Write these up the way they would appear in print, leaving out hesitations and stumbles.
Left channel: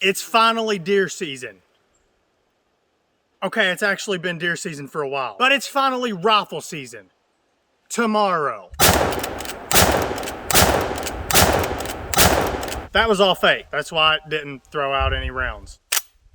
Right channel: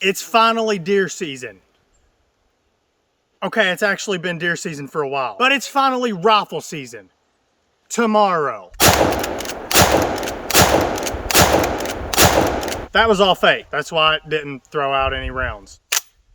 It's finally deer season. Okay, it's actually been deer season for a while, but it's finally rifle season. Tomorrow. That was all fake. That's why it didn't throw out any rounds.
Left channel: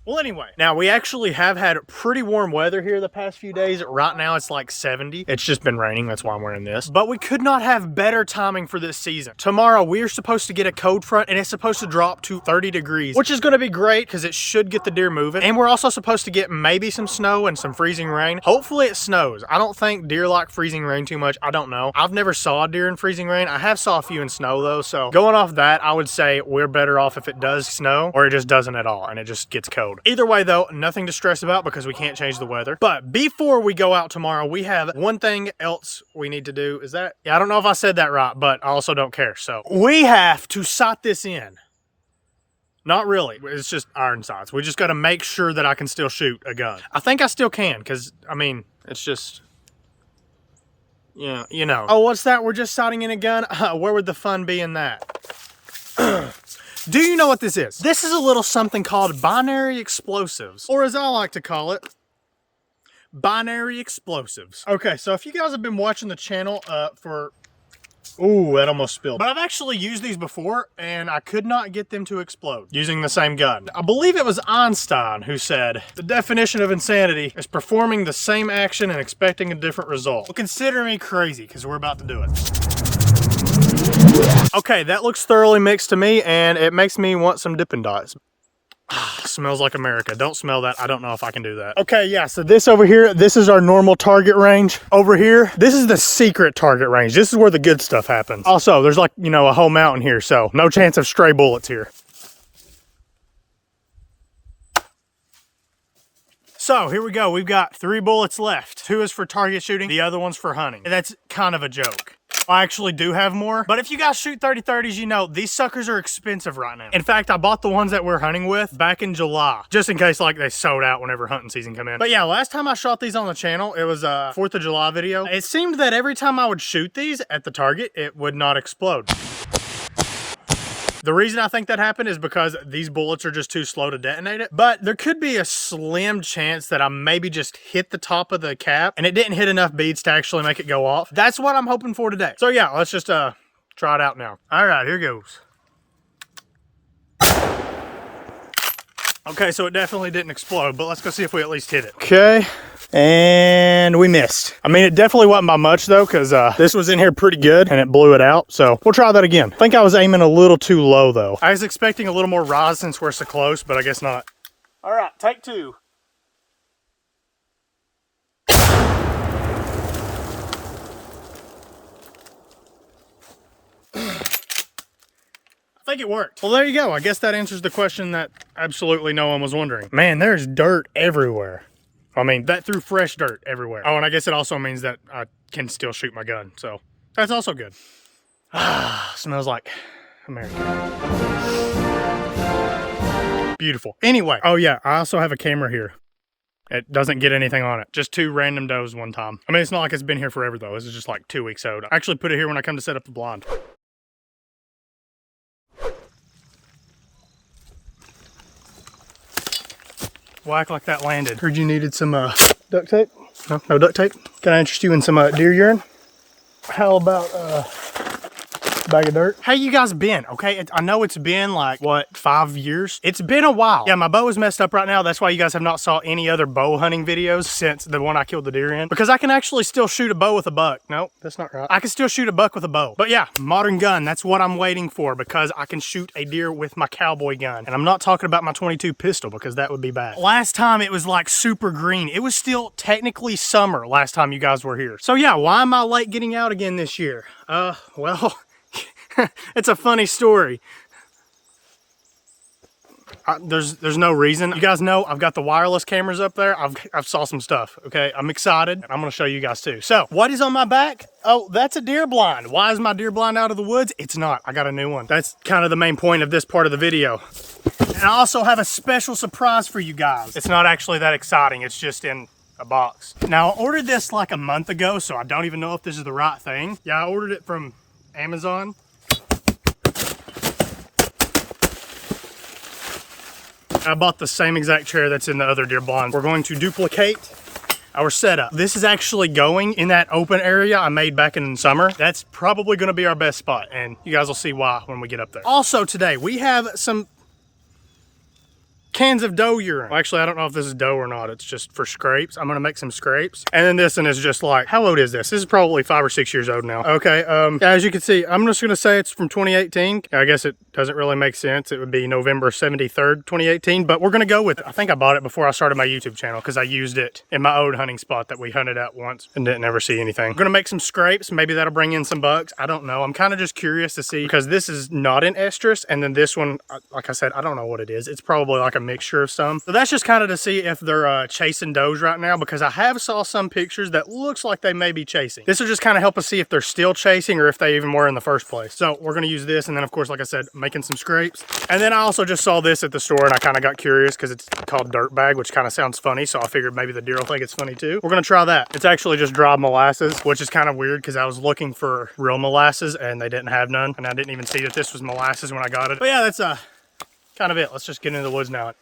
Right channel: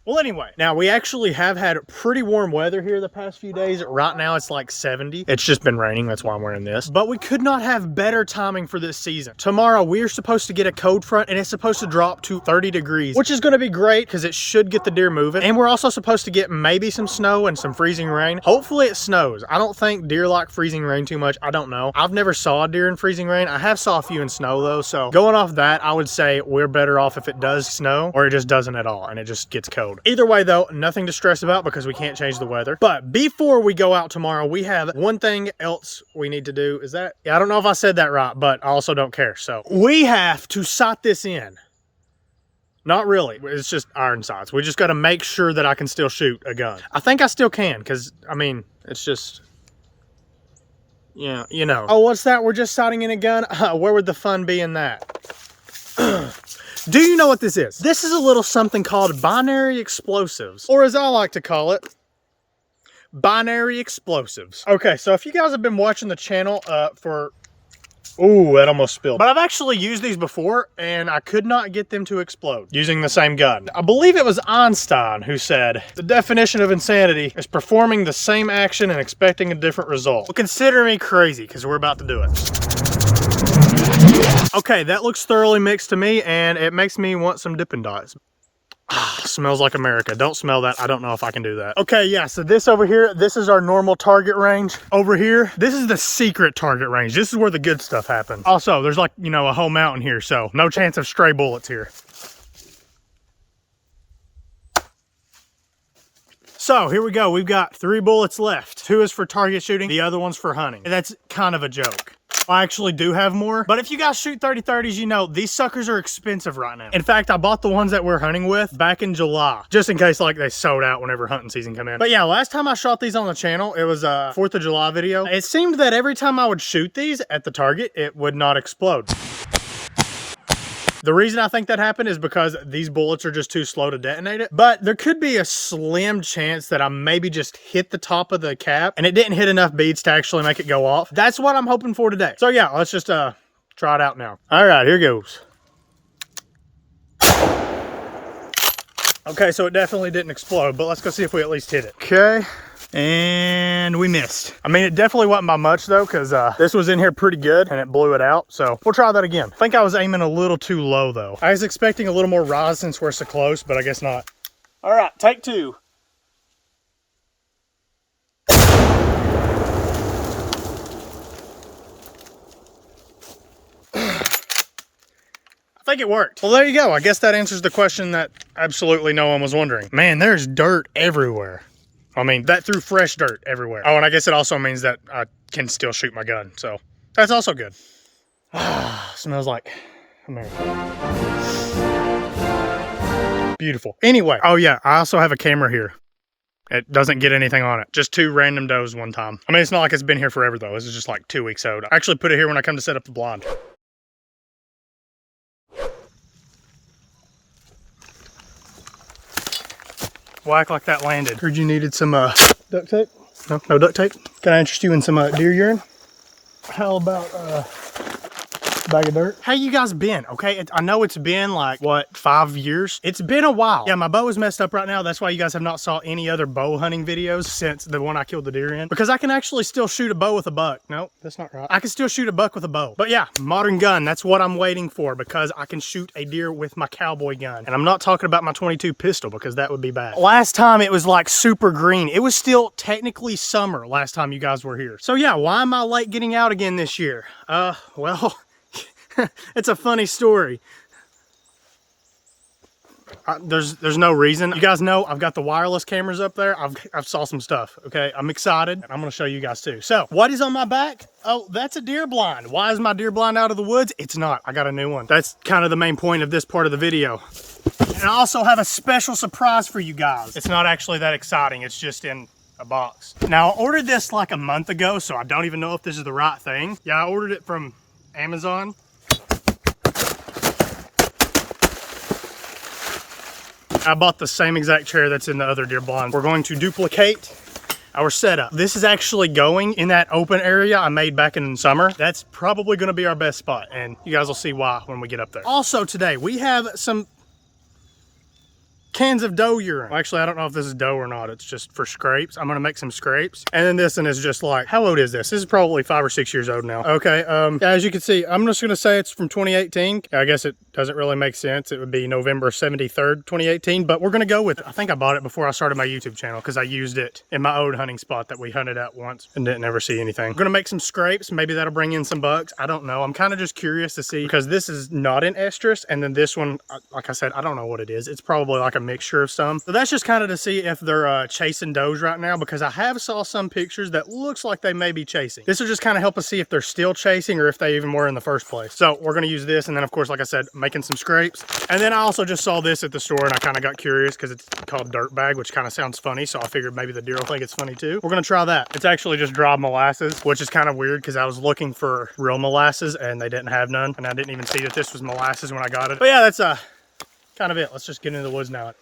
Well, anyway, now we actually have had pretty warm weather here the past few days. Right now it's like 70. It's just been raining, that's why I'm wearing this. But we could not have better timing for this season. Tomorrow we're supposed to get a cold front and it's supposed to drop to 30 degrees, which is gonna be great because it should get the deer moving. And we're also supposed to get maybe some snow and some freezing rain. Hopefully it snows. I don't think deer like freezing rain too much. I don't know. I've never saw a deer in freezing rain. I have saw a few in snow though. So going off that, I would say we're better off if it does snow or it just doesn't at all and it just gets cold. Either way though, nothing to stress about because we can't change the weather. But before we go out tomorrow, we have one thing else we need to do. Is that? Yeah, I don't know if I said that right, but I also don't care. So we have to sight this in. Not really. It's just iron sights. We just got to make sure that I can still shoot a gun. I think I still can because, I mean, it's just... Yeah, you know. Oh, what's that? We're just sighting in a gun? Where would the fun be in that? Do you know what this is? This is a little something called binary explosives, or as I like to call it, binary explosives. Okay, so if you guys have been watching the channel for... Ooh, that almost spilled. But I've actually used these before, and I could not get them to explode using the same gun. I believe it was Einstein who said, the definition of insanity is performing the same action and expecting a different result. Well, consider me crazy, because we're about to do it. Okay, that looks thoroughly mixed to me, and it makes me want some Dippin' Dots. Smells like America. Don't smell that. I don't know if I can do that. Okay, yeah, so this over here, this is our normal target range. Over here, this is the secret target range. This is where the good stuff happens. Also, there's like, you know, a whole mountain here, so no chance of stray bullets here. So here we go. We've got 3 bullets left. 2 is for target shooting. The other one's for hunting. And that's kind of a joke. I actually do have more, but if you guys shoot 30-30s, you know, these suckers are expensive right now. In fact, I bought the ones that we're hunting with back in July, just in case like they sold out whenever hunting season come in. But yeah, last time I shot these on the channel, it was a 4th of July video. It seemed that every time I would shoot these at the target, it would not explode. The reason I think that happened is because these bullets are just too slow to detonate it. But there could be a slim chance that I maybe just hit the top of the cap and it didn't hit enough beads to actually make it go off. That's what I'm hoping for today. So yeah, let's just try it out now. All right, here goes. Okay, so it definitely didn't explode, but let's go see if we at least hit it. Okay. And we missed. I mean, it definitely wasn't by much though, because this was in here pretty good and it blew it out. So we'll try that again. I think I was aiming a little too low though. I was expecting a little more rise since we're so close, but I guess not. All right, take 2. I think it worked. Well, there you go. I guess that answers the question that absolutely no one was wondering. Man, there's dirt everywhere. I mean, that threw fresh dirt everywhere. Oh, and I guess it also means that I can still shoot my gun. So that's also good. Smells like America. Beautiful. Anyway, oh yeah, I also have a camera here. It doesn't get anything on it. Just 2 random does one time. I mean, it's not like it's been here forever though. This is just like 2 weeks old. I actually put it here when I come to set up the blind. Well, act like that landed. Heard you needed some duct tape? No, no duct tape? Can I interest you in some deer urine? How about bag of dirt? How you guys been? Okay, I know it's been like, what, 5 years? It's been a while. Yeah, my bow is messed up right now. That's why you guys have not saw any other bow hunting videos since the one I killed the deer in. Because I can actually still shoot a bow with a buck. Nope, that's not right. I can still shoot a buck with a bow. But yeah, modern gun, that's what I'm waiting for because I can shoot a deer with my cowboy gun. And I'm not talking about my 22 pistol because that would be bad. Last time it was like super green. It was still technically summer last time you guys were here. So yeah, why am I late getting out again this year? Well... It's a funny story. There's no reason. You guys know I've got the wireless cameras up there. I've saw some stuff, okay? I'm excited, and I'm gonna show you guys too. So, what is on my back? Oh, that's a deer blind. Why is my deer blind out of the woods? It's not. I got a new one. That's kind of the main point of this part of the video. And I also have a special surprise for you guys. It's not actually that exciting. It's just in a box. Now, I ordered this like a month ago, so I don't even know if this is the right thing. Yeah, I ordered it from Amazon. I bought the same exact chair that's in the other deer blind. We're going to duplicate our setup. This is actually going in that open area I made back in summer. That's probably gonna be our best spot, and you guys will see why when we get up there. Also today, we have some cans of doe urine. Well, actually, I don't know if this is doe or not. It's just for scrapes. I'm gonna make some scrapes. And then this one is just like, how old is this? This is probably 5 or 6 years old now. Okay, as you can see, I'm just gonna say it's from 2018. I guess it doesn't really make sense. It would be November 73rd, 2018, but we're gonna go with it. I think I bought it before I started my YouTube channel because I used it in my old hunting spot that we hunted at once and didn't ever see anything. I'm gonna make some scrapes. Maybe that'll bring in some bucks. I don't know. I'm kind of just curious to see because this is not an estrus. And then this one, like I said, I don't know what it is. It's probably like a mixture of some. So that's just kind of to see if they're chasing does right now, because I have saw some pictures that looks like they may be chasing. This will just kind of help us see if they're still chasing or if they even were in the first place. So we're going to use this, and then of course, like I said, making some scrapes. And then I also just saw this at the store and I kind of got curious because it's called dirt bag, which kind of sounds funny. So I figured maybe the deer will think it's funny too. We're going to try that. It's actually just dried molasses, which is kind of weird because I was looking for real molasses and they didn't have none. And I didn't even see that this was molasses when I got it. But yeah, that's kind of it. Let's just get into the woods now.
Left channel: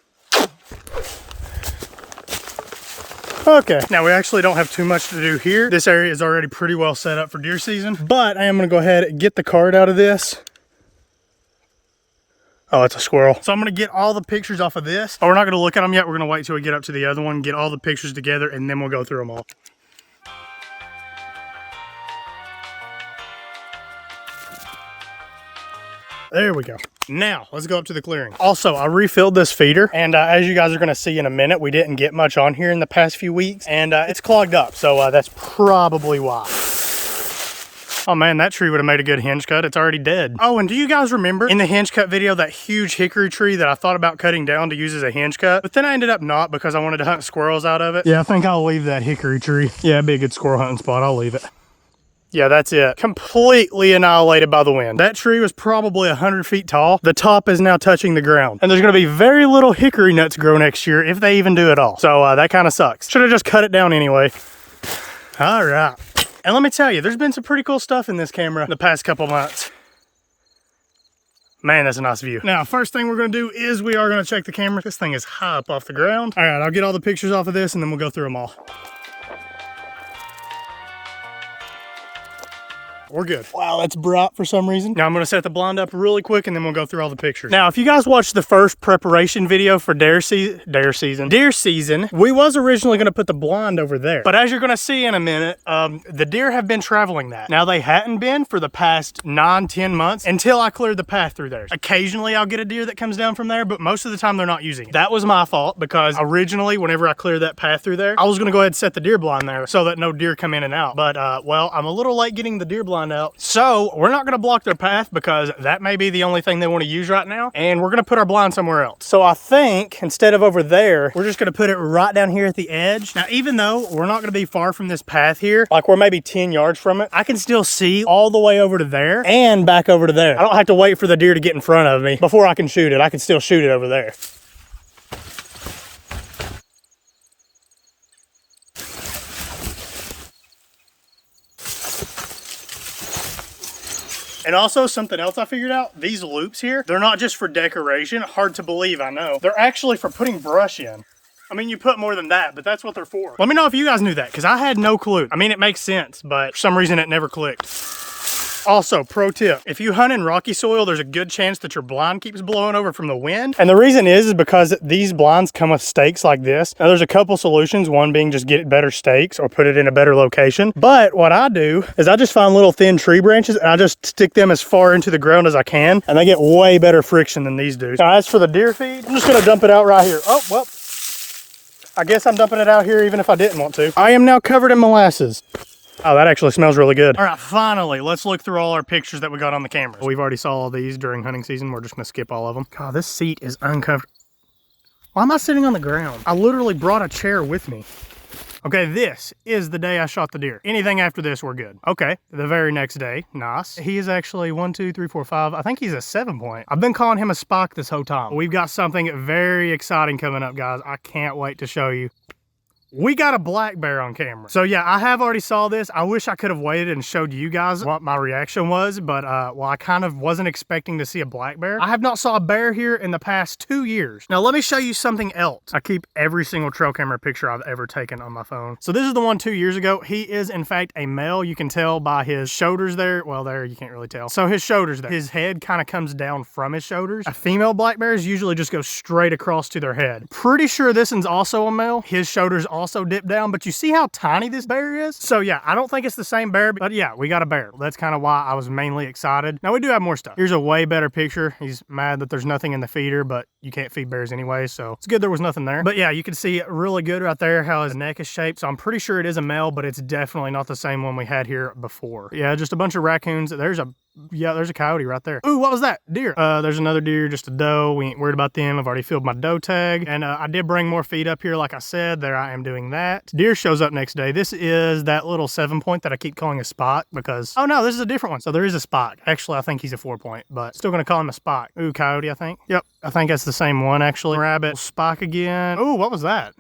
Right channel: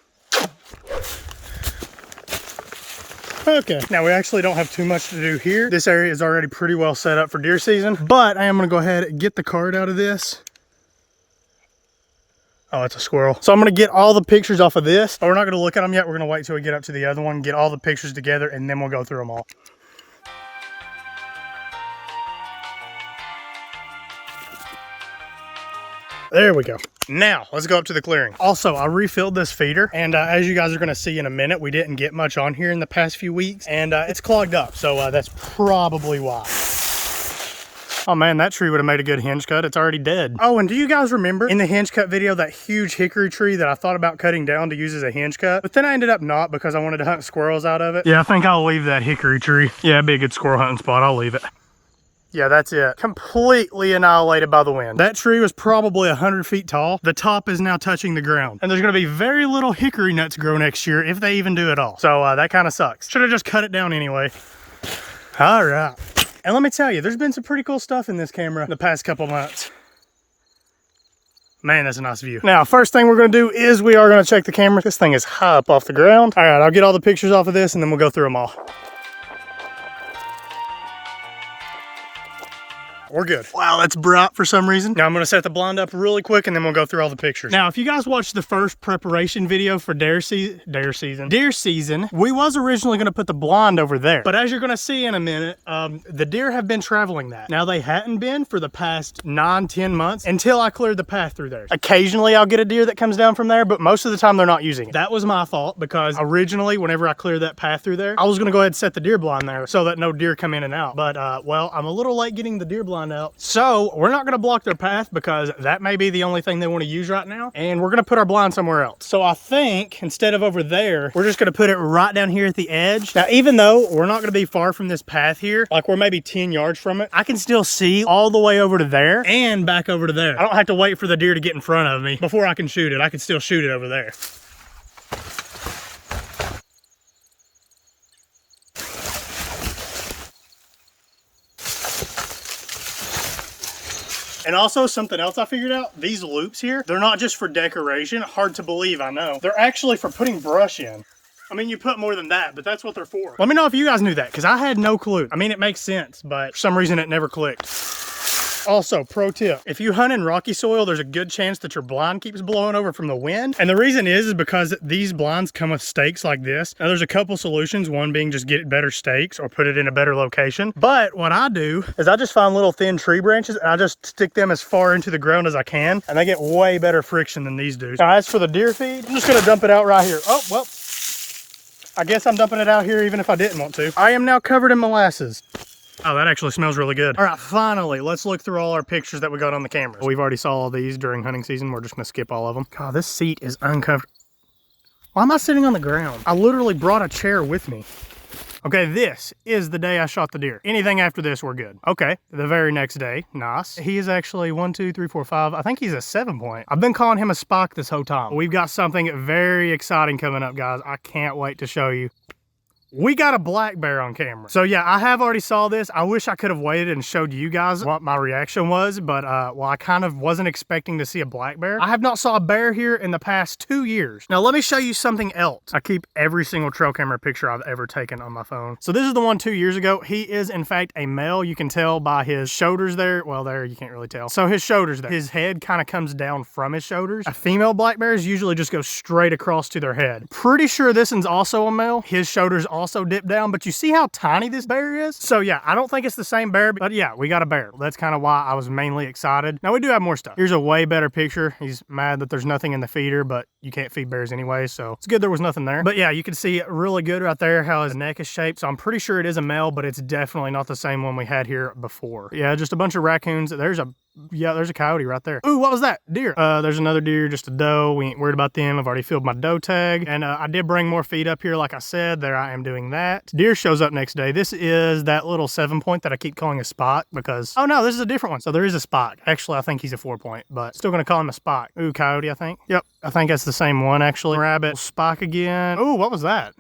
Okay, now we actually don't have too much to do here. This area is already pretty well set up for deer season, but I am gonna go ahead and get the card out of this. Oh, it's a squirrel. So I'm gonna get all the pictures off of this. Oh, we're not gonna look at them yet. We're gonna wait till we get up to the other one, get all the pictures together, and then we'll go through them all. There we go. Now, let's go up to the clearing. Also, I refilled this feeder, and as you guys are gonna see in a minute, we didn't get much on here in the past few weeks, and it's clogged up, so that's probably why. Oh man, that tree would have made a good hinge cut. It's already dead. Oh, and do you guys remember in the hinge cut video, that huge hickory tree that I thought about cutting down to use as a hinge cut, but then I ended up not because I wanted to hunt squirrels out of it? Yeah, I think I'll leave that hickory tree. Yeah, it'd be a good squirrel hunting spot. I'll leave it. Yeah, that's it. Completely annihilated by the wind. That tree was probably 100 feet tall. The top is now touching the ground. And there's gonna be very little hickory nuts grow next year, if they even do at all. So that kind of sucks. Should have just cut it down anyway. All right. And let me tell you, there's been some pretty cool stuff in this camera the past couple months. Man, that's a nice view. Now, first thing we're gonna do is we are gonna check the camera. This thing is high up off the ground. All right, I'll get all the pictures off of this and then we'll go through them all. We're good. Wow, that's bright for some reason. Now I'm gonna set the blind up really quick and then we'll go through all the pictures. Now, if you guys watched the first preparation video for deer season, we was originally gonna put the blind over there. But as you're gonna see in a minute, the deer have been traveling that. Now they hadn't been for the past 9-10 months until I cleared the path through there. Occasionally I'll get a deer that comes down from there, but most of the time they're not using it. That was my fault because originally, whenever I cleared that path through there, I was gonna go ahead and set the deer blind there so that no deer come in and out. But well, I'm a little late getting the deer blind out. So we're not gonna block their path because that may be the only thing they wanna use right now. And we're gonna put our blind somewhere else. So I think instead of over there, we're just gonna put it right down here at the edge. Now, even though we're not gonna be far from this path here, like we're maybe 10 yards from it, I can still see all the way over to there and back over to there. I don't have to wait for the deer to get in front of me before I can shoot it. I can still shoot it over there. And also something else I figured out, these loops here, they're not just for decoration. Hard to believe, I know. They're actually for putting brush in. I mean, you put more than that, but that's what they're for. Let me know if you guys knew that, because I had no clue. I mean, it makes sense, but for some reason it never clicked. Also, pro tip, if you hunt in rocky soil, there's a good chance that your blind keeps blowing over from the wind. And the reason is because these blinds come with stakes like this. Now there's a couple solutions, one being just get better stakes or put it in a better location. But what I do is I just find little thin tree branches and I just stick them as far into the ground as I can. And they get way better friction than these do. Now as for the deer feed, I'm just gonna dump it out right here. Oh, well, I guess I'm dumping it out here even if I didn't want to. I am now covered in molasses. Oh, that actually smells really good. All right, finally, let's look through all our pictures that we got on the camera. We've already saw all these during hunting season. We're just gonna skip all of them. God, this seat is uncomfortable. Why am I sitting on the ground? I literally brought a chair with me. Okay, this is the day I shot the deer. Anything after this, we're good. Okay, the very next day, nice. He is actually 1, 2, 3, 4, 5. I think he's a 7-point. I've been calling him a Spock this whole time. We've got something very exciting coming up, guys. I can't wait to show you. we got a black bear on camera. So yeah, I have already saw this. I wish I could have waited and showed you guys what my reaction was, but well, I kind of wasn't expecting to see a black bear. I have not saw a bear here in the past 2 years. Now let me show you something else. I keep every single trail camera picture I've ever taken on my phone. So this is the one 2 years ago. He is in fact a male. You can tell by his shoulders there. Well, there you can't really tell. So his shoulders there. His head kind of comes down from his shoulders. A female black bears usually just go straight across to their head. Pretty sure this one's also a male. His shoulders also dip down, but you see how tiny this bear is? So yeah, I don't think it's the same bear, but yeah, we got a bear. That's kind of why I was mainly excited. Now we do have more stuff. Here's a way better picture. He's mad that there's nothing in the feeder, but you can't feed bears anyway, so it's good there was nothing there. But yeah, you can see really good right there how his neck is shaped. So I'm pretty sure it is a male, but it's definitely not the same one we had here before. Yeah, just a bunch of raccoons. There's a coyote right there. Ooh, what was that? Deer. There's another deer, just a doe. We ain't worried about them. I've already filled my doe tag. And I did bring more feed up here, like I said. There I am doing that. Deer shows up next day. This is that little 7-point that I keep calling a spot because, oh no, this is a different one. So there is a spot. Actually, I think he's a 4-point, but still gonna call him a spot. Ooh, coyote, I think. Yep, I think that's the same one, actually. Rabbit, spike again. Ooh, what was that?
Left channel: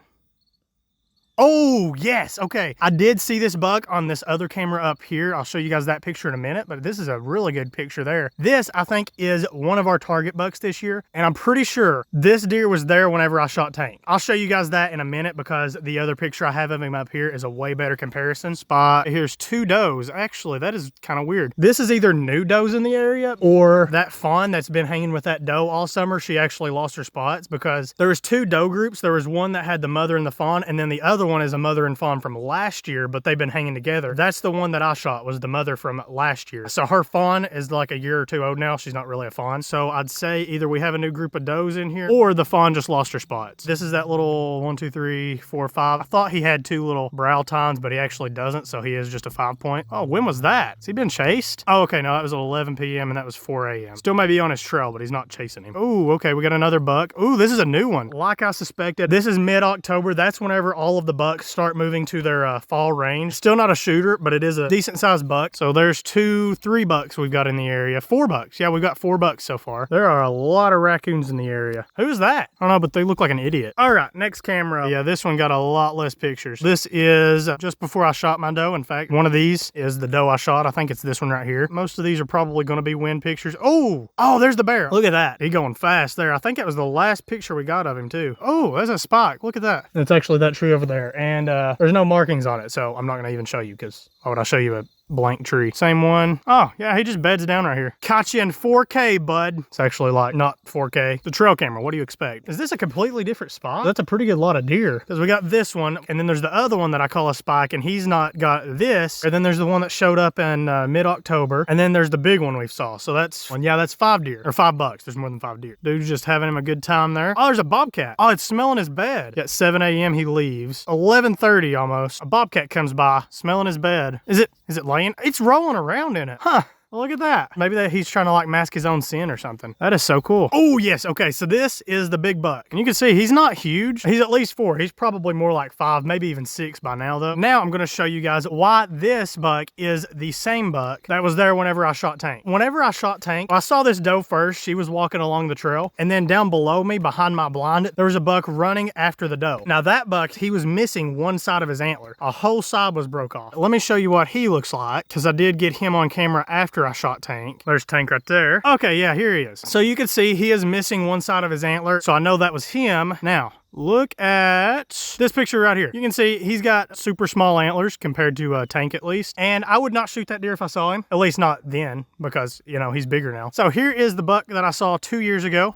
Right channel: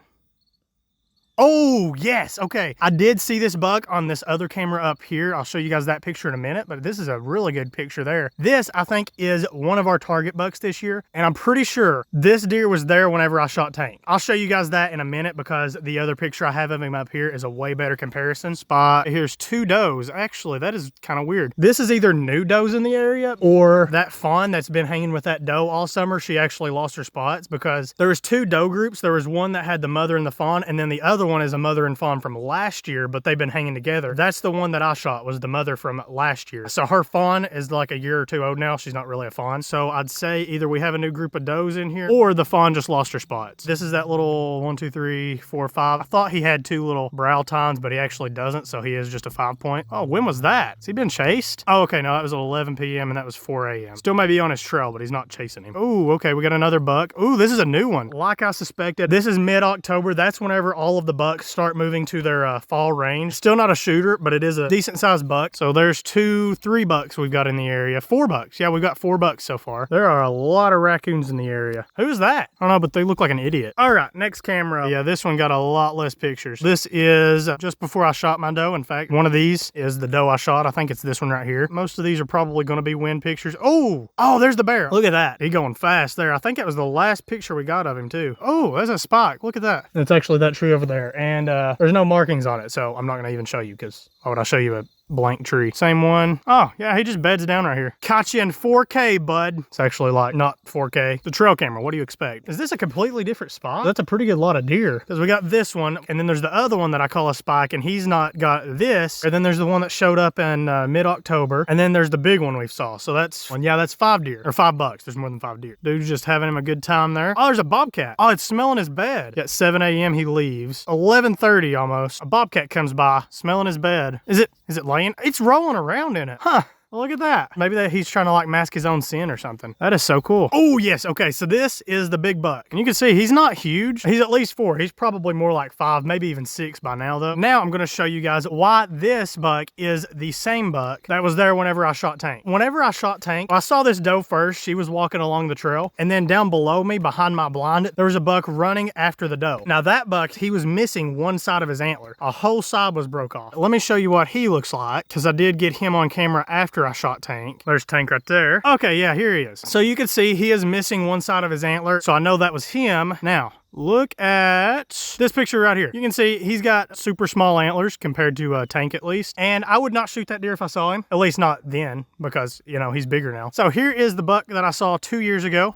Oh, yes. Okay. I did see this buck on this other camera up here. I'll show you guys that picture in a minute, but this is a really good picture there. This, I think, is one of our target bucks this year, and I'm pretty sure this deer was there whenever I shot Tank. I'll show you guys that in a minute because the other picture I have of him up here is a way better comparison spot. Here's 2 does. Actually, that is kind of weird. This is either new does in the area or that fawn that's been hanging with that doe all summer. She actually lost her spots because there was 2 doe groups. There was one that had the mother and the fawn, and then the other one is a mother and fawn from last year, but they've been hanging together. That's the one that I shot, was the mother from last year. So her fawn is like a year or 2 old now. She's not really a fawn. So I'd say either we have a new group of does in here or the fawn just lost her spots. This is that little 1, 2, 3, 4, 5. I thought he had 2 little brow tines, but he actually doesn't. So he is just a 5-point. Oh, when was that? Has he been chased? Oh, okay. No, that was at 11 p.m. and that was 4 a.m. Still may be on his trail, but he's not chasing him. Oh, okay. We got another buck. Ooh, this is a new one. Like I suspected, this is mid-October. That's whenever all of the bucks start moving to their fall range. Still not a shooter, but it is a decent sized buck. So there's 2, 3 bucks we've got in the area. 4 bucks. Yeah, we've got 4 bucks so far. There are a lot of raccoons in the area. Who's that? I don't know, but they look like an idiot. All right, next camera. Yeah, this one got a lot less pictures. This is just before I shot my doe. In fact, one of these is the doe I shot. I think it's this one right here. Most of these are probably going to be wind pictures. Oh, there's the bear. Look at that. He going fast there. I think that was the last picture we got of him too. Oh, that's a spike. Look at that. It's actually that tree over there. And there's no markings on it, so I'm not going to even show you because why would I show you a blank tree? Same one. Oh, yeah, he just beds down right here. Caught you in 4K, bud. It's actually like not 4K. The trail camera, what do you expect? Is this a completely different spot? That's a pretty good lot of deer because we got this one and then there's the other one that I call a spike and he's not got this. And then there's the one that showed up in mid-October and then there's the big one we saw. So that's, well, yeah, that's 5 deer or 5 bucks. There's more than 5 deer. Dude's just having him a good time there. Oh, there's a bobcat. Oh, it's smelling his bed. At 7 a.m. he leaves. 11:30 almost. A bobcat comes by smelling his bed. Is it laying? It's rolling around in it. Huh. Well, look at that. Maybe he's trying to like mask his own sin or something. That is so cool. Oh, yes. Okay, so this is the big buck. And you can see he's not huge. He's at least 4. He's probably more like 5, maybe even 6 by now, though. Now I'm going to show you guys why this buck is the same buck that was there whenever I shot Tank. Whenever I shot Tank, I saw this doe first. She was walking along the trail. And then down below me, behind my blind, there was a buck running after the doe. Now that buck, he was missing one side of his antler. A whole side was broke off. Let me show you what he looks like, because I did get him on camera after I shot Tank. There's Tank right there. Okay, yeah, here he is. So you can see he is missing one side of his antler. So I know that was him. Now, look at this picture right here. You can see he's got super small antlers compared to Tank at least. And I would not shoot that deer if I saw him. At least not then because, you know, he's bigger now. So here is the buck that I saw 2 years ago.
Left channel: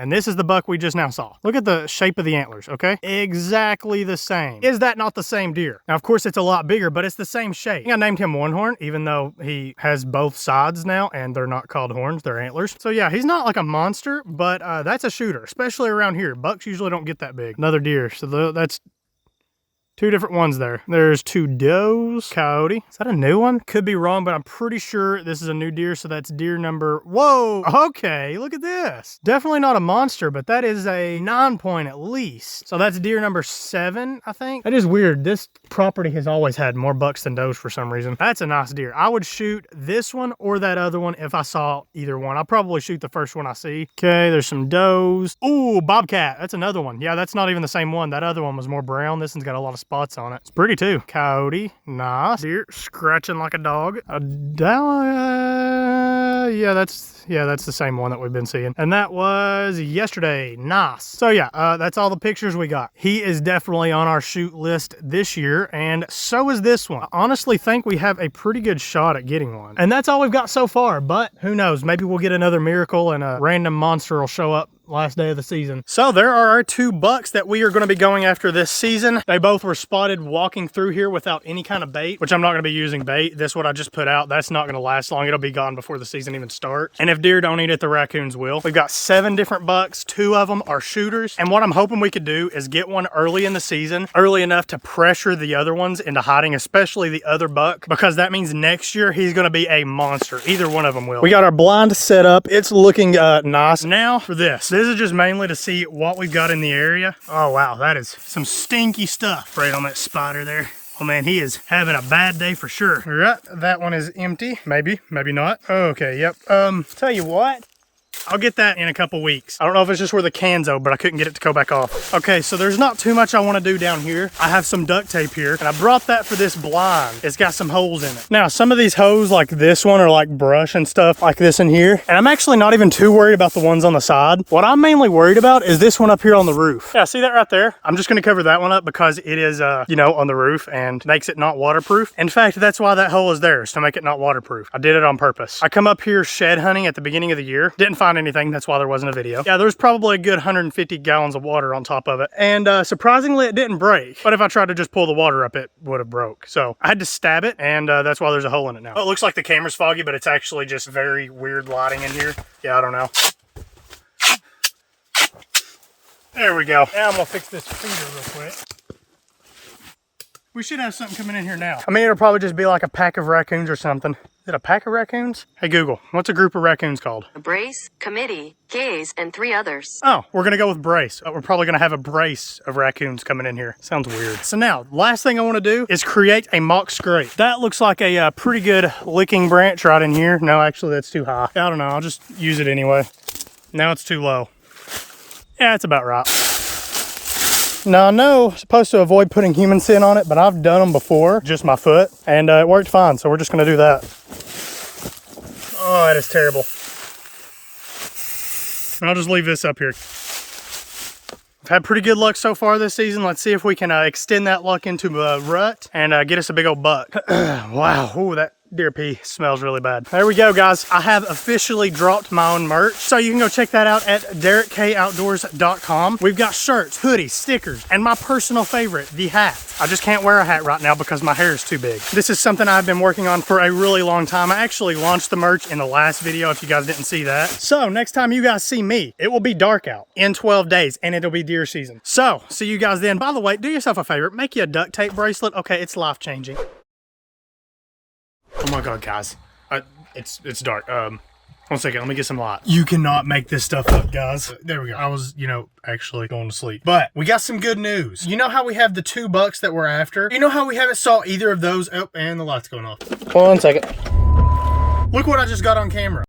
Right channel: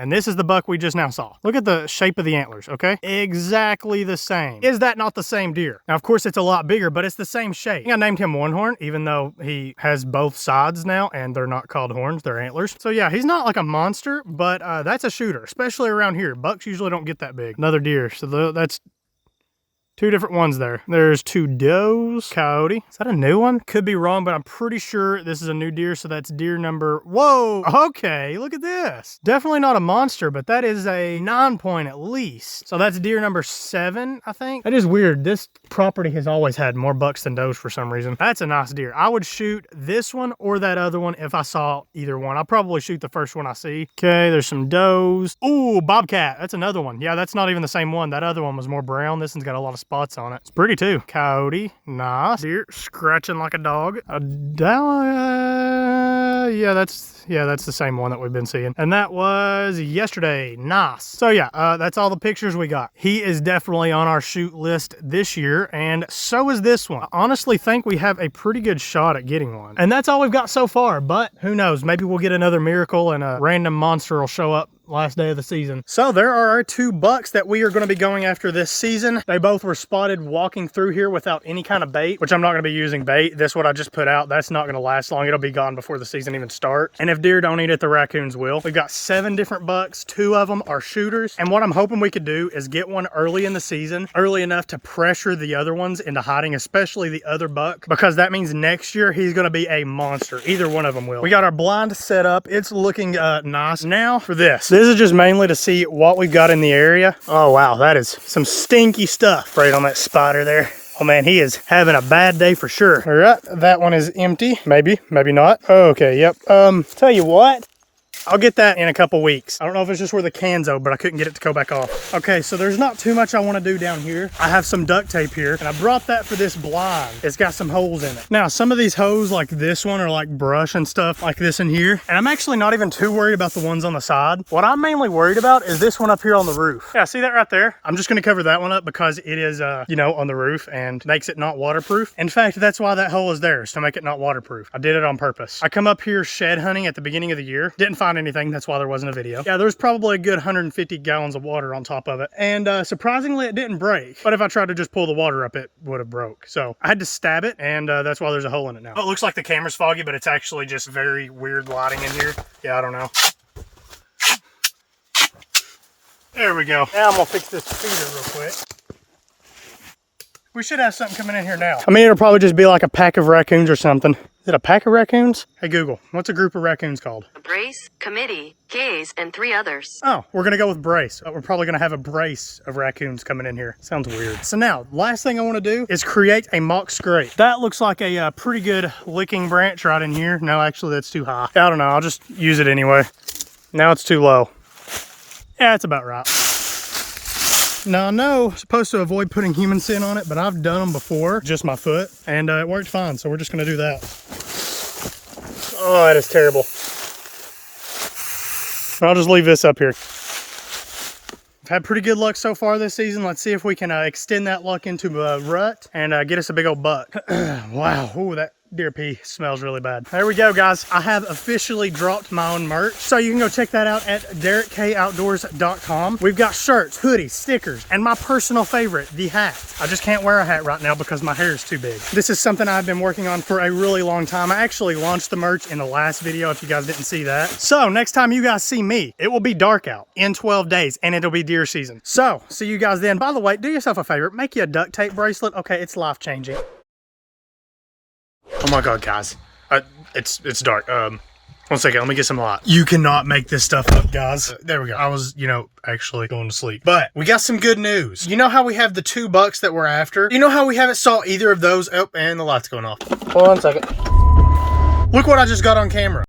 And this is the buck we just now saw. Look at the shape of the antlers, okay? Exactly the same. Is that not the same deer? Now, of course, it's a lot bigger, but it's the same shape. I named him One Horn, even though he has both sides now, and they're not called horns, they're antlers. So yeah, he's not like a monster, but that's a shooter, especially around here. Bucks usually don't get that big. Another deer, so that's Two different ones there. There's two does. Coyote. Is that a new one? Could be wrong, but I'm pretty sure this is a new deer, so that's deer number... Whoa! Okay, look at this. Definitely not a monster, but that is a 9-point at least. So that's deer number 7, I think. That is weird. This property has always had more bucks than does for some reason. That's a nice deer. I would shoot this one or that other one if I saw either one. I'll probably shoot the first one I see. Okay, there's some does. Ooh, bobcat. That's another one. Yeah, that's not even the same one. That other one was more brown. This one's got a lot of spots on it. It's pretty too. Coyote. Nice. Deer scratching like a dog. Yeah, that's the same one that we've been seeing. And that was yesterday. Nice. So yeah, that's all the pictures we got. He is definitely on our shoot list this year, and so is this one. I honestly think we have a pretty good shot at getting one. And that's all we've got so far, but who knows? Maybe we'll get another miracle and a random monster will show up last day of the season. So there are our 2 bucks that we are going to be going after this season. They both were spotted walking through here without any kind of bait, which I'm not going to be using bait. This what I just put out, that's not going to last long. It'll be gone before the season even starts. And if deer don't eat it, the raccoons will. We've got 7 different bucks. 2 of them are shooters. And what I'm hoping we could do is get one early in the season, early enough to pressure the other ones into hiding, especially the other buck, because that means next year he's going to be a monster. Either one of them will. We got our blind set up. It's looking nice. Now for this. This is just mainly to see what we've got in the area. Oh wow, that is some stinky stuff right on that spider there. Oh man, he is having a bad day for sure. All right, that one is empty. Maybe, maybe not. Okay, yep. Tell you what, I'll get that in a couple weeks. I don't know if it's just where the can's over, but I couldn't get it to go back off. Okay, so there's not too much I want to do down here. I have some duct tape here, and I brought that for this blind. It's got some holes in it. Now, some of these holes, like this one, are like brush and stuff like this in here. And I'm actually not even too worried about the ones on the side. What I'm mainly worried about is this one up here on the roof. Yeah, see that right there? I'm just going to cover that one up because it is, you know, on the roof and makes it not waterproof. In fact, that's why that hole is there, is to make it not waterproof. I did it on purpose. I come up here shed hunting at the beginning of the year. Didn't find anything. That's why there wasn't a video. Yeah, there's probably a good 150 gallons of water on top of it. And surprisingly, it didn't break. But if I tried to just pull the water up, it would have broke. So I had to stab it, and that's why there's a hole in it now. Oh, it looks like the camera's foggy, but it's actually just very weird lighting in here. Yeah, I don't know. There we go. Now I'm gonna fix this feeder real quick. We should have something coming in here now. I mean, it'll probably just be like a pack of raccoons or something. Is it a pack of raccoons? Hey Google, what's a group of raccoons called? A brace, committee, gaze, and 3 others. Oh, we're gonna go with brace. We're probably gonna have a brace of raccoons coming in here. Sounds weird. So now, last thing I wanna do is create a mock scrape. That looks like a pretty good licking branch right in here. No, actually that's too high. I don't know, I'll just use it anyway. Now it's too low. Yeah, it's about right. Now I know I'm supposed to avoid putting human scent on it, but I've done them before, just my foot, and it worked fine, so we're just gonna do that. Oh, that is terrible. I'll just leave this up here. I've had pretty good luck so far this season. Let's see if we can extend that luck into a rut and get us a big old buck. Wow, ooh, that deer pee smells really bad. There we go, guys. I have officially dropped my own merch, so you can go check that out at DerekKOutdoors.com. We've got shirts, hoodies, stickers, and my personal favorite, the hat. I just can't wear a hat right now because my hair is too big. This is something I've been working on for a really long time. I actually launched the merch in the last video if you guys didn't see that. So next time you guys see me, it will be dark out in 12 days and it'll be deer season. So see you guys then. By the way, do yourself a favor, make you a duct tape bracelet. Okay, it's life changing. Oh my God, guys. It's dark. 1 second, let me get some light. You cannot make this stuff up, guys. There we go. I was, you know, actually going to sleep. But we got some good news. You know how we have the 2 bucks that we're after? You know how we haven't saw either of those? Oh, and the light's going off. Hold on 1 second. Look what I just got on camera.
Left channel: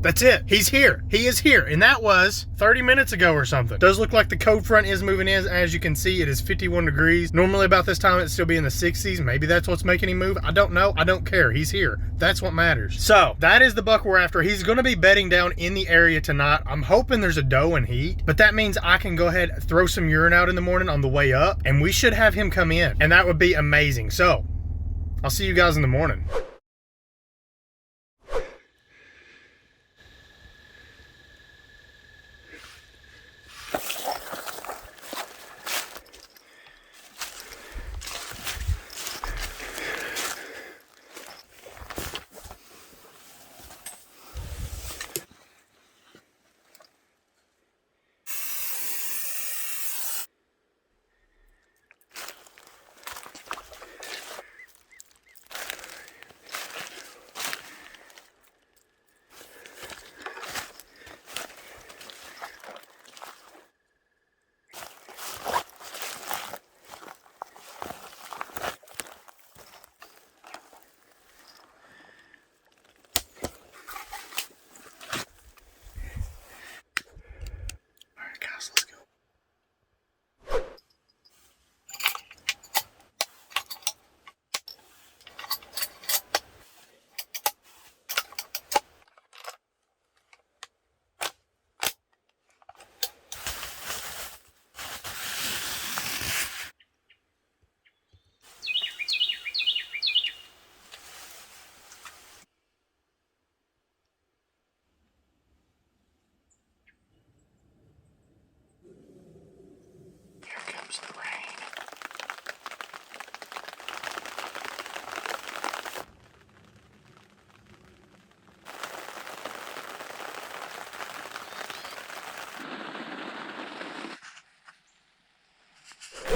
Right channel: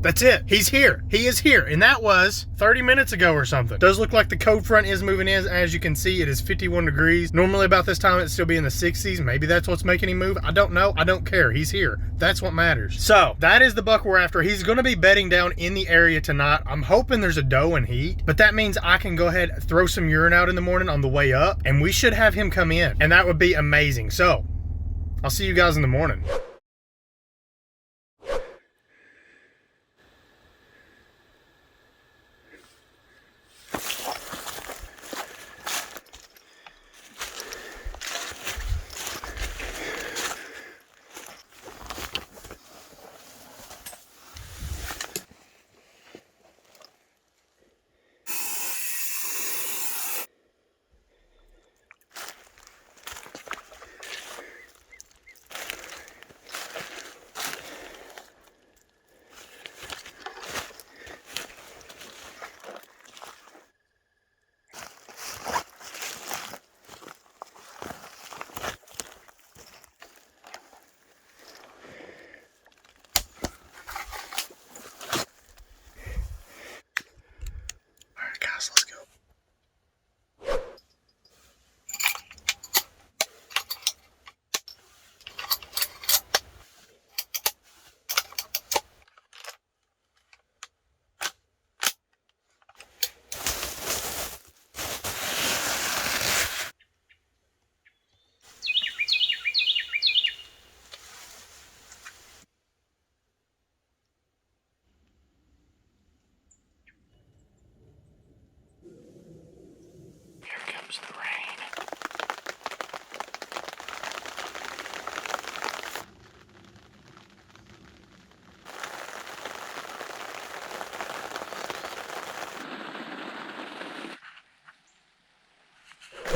That's it. He's here. He is here. And that was 30 minutes ago or something. Does look like the cold front is moving in. As you can see, it is 51 degrees. Normally about this time, it'd still be in the 60s. Maybe that's what's making him move. I don't know. I don't care. He's here. That's what matters. So that is the buck we're after. He's going to be bedding down in the area tonight. I'm hoping there's a doe and heat, but that means I can go ahead and throw some urine out in the morning on the way up, and we should have him come in, and that would be amazing. So I'll see you guys in the morning.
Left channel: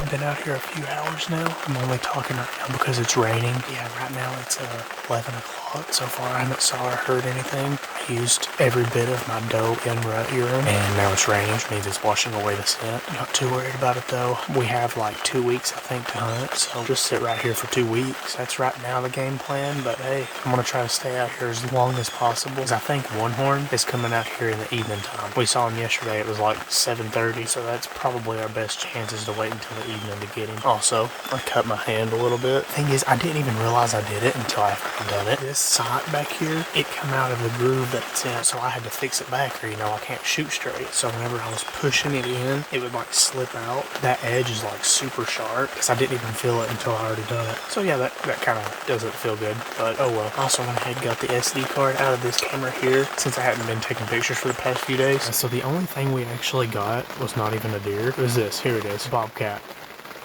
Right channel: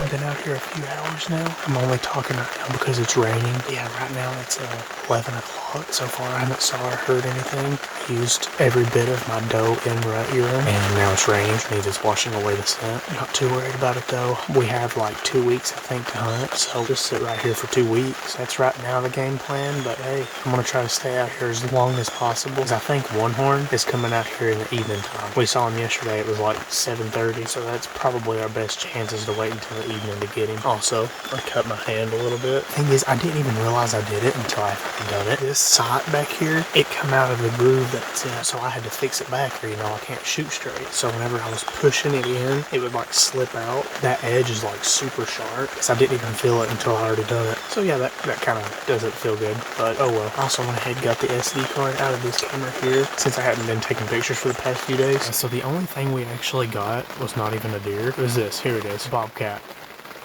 I've been out here a few hours now. I'm only talking right now because it's raining. Yeah, right now it's 11 o'clock. So far I haven't saw or heard anything. I used every bit of my doe in rut urine, and now it's raining, which means it's washing away the scent. Not too worried about it though. We have like 2 weeks, I think, to hunt, so just sit right here for 2 weeks. That's right now the game plan, but hey, I'm gonna try to stay out here as long as possible, because I think One Horn is coming out here in the evening time. We saw him yesterday, it was like 7:30, so that's probably our best chances to wait until the evening to get him. Also, I cut my hand a little bit. Thing is, I didn't even realize I did it until I had done it. This sight back here, it come out of the groove that it's in, so I had to fix it back, or I can't shoot straight. So whenever I was pushing it in, it would like slip out. That edge is like super sharp, because I didn't even feel it until I already done it. So yeah, that kind of doesn't feel good, but oh well. I also went ahead and got the SD card out of this camera here, since I hadn't been taking pictures for the past few days. So the only thing we actually got was not even a deer. It was this. Here it is. Bobcat.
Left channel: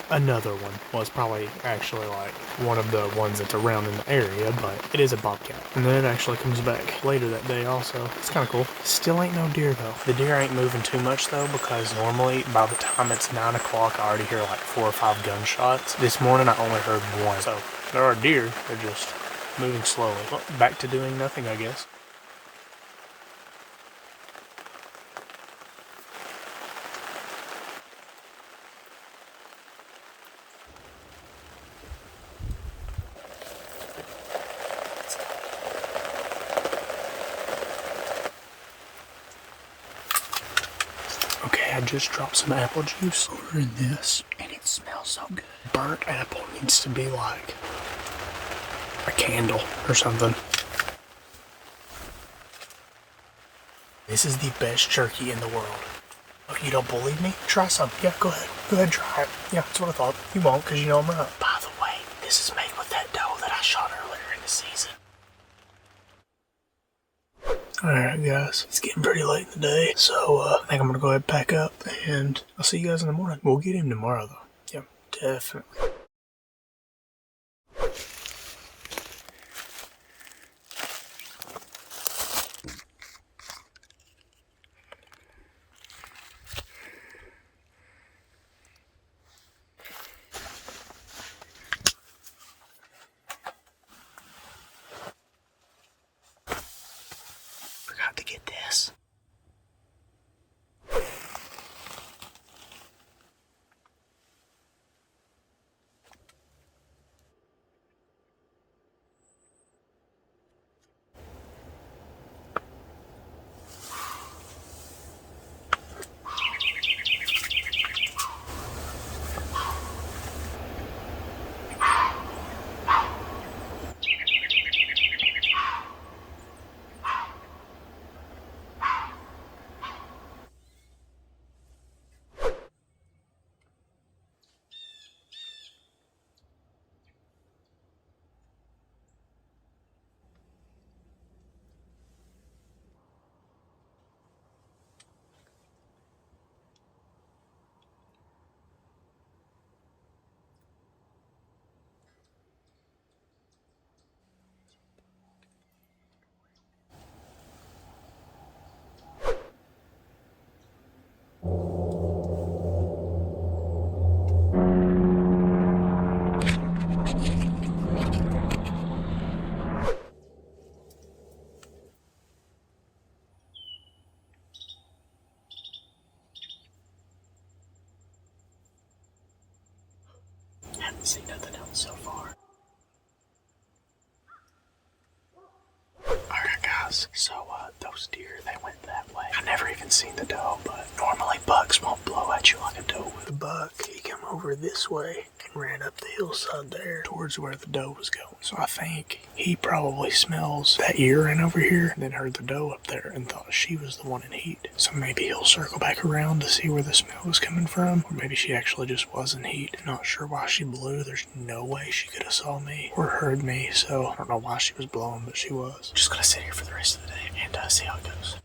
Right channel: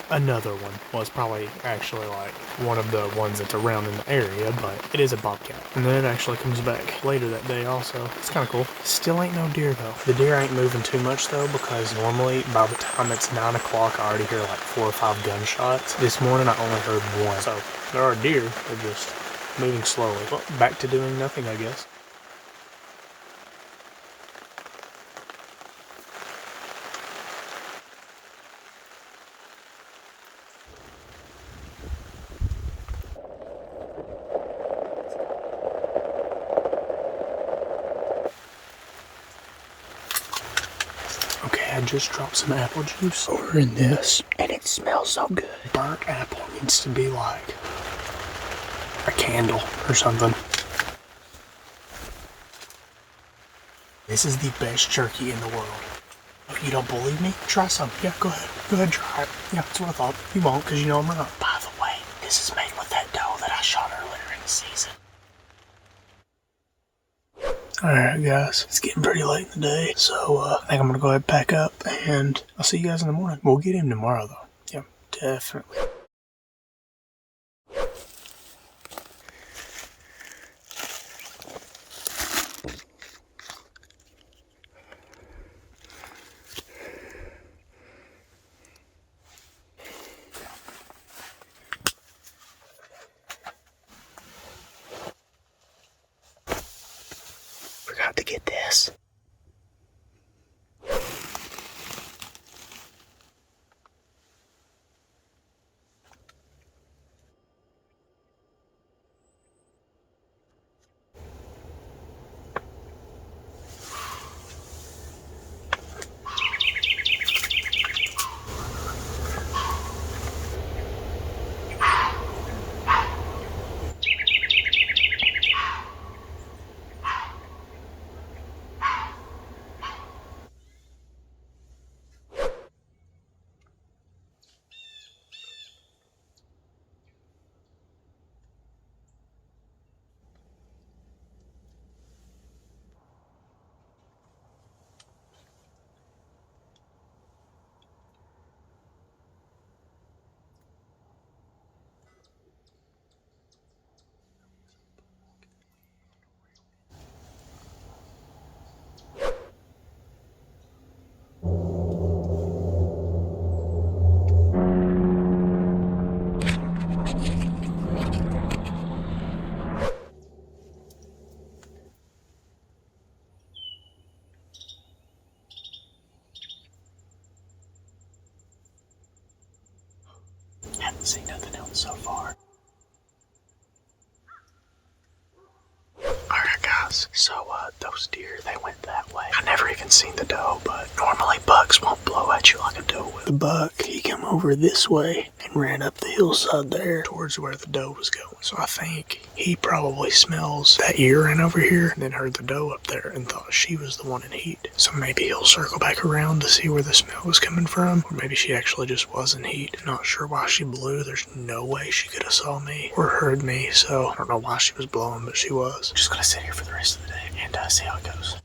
Another one. Well, it's probably actually like one of the ones that's around in the area, but it is a bobcat. And then it actually comes back later that day also. It's kind of cool. Still ain't no deer though. The deer ain't moving too much though, because normally by the time it's 9 o'clock, I already hear like 4 or 5 gunshots. This morning I only heard one. So there are deer. They're just moving slowly. Well, back to doing nothing, I guess. Okay, I just dropped some apple juice over in this, and it smells so good. Burnt apple needs to be like a candle or something. This is the best jerky in the world. If you don't believe me, try some. Yeah, go ahead. Go ahead and try it. Yeah, that's what I thought. You won't, because you know I'm right. By the way, this is made with that doe that I shot earlier in the season. Alright guys, it's getting pretty late in the day, so I think I'm gonna go ahead and pack up, and I'll see you guys in the morning. We'll get him tomorrow though. Yeah, definitely. Forgot to get this. Haven't seen nothing else so far. Alright guys, so those deer, they went that way. I never even seen the doe, but normally bucks won't blow at you like a doe will. The buck, he came over this way and ran up the hillside there towards where the doe was going. So I think he probably smells that urine over here, and then heard the doe up there and thought she was the one in heat. So maybe he'll circle back around to see where the smell was coming from, or maybe she actually just was in heat. Not sure why she blew. There's no way she could have saw me or heard me, so I don't know why she was blowing, but she was. Just gonna sit here for the rest of the day and see how it goes.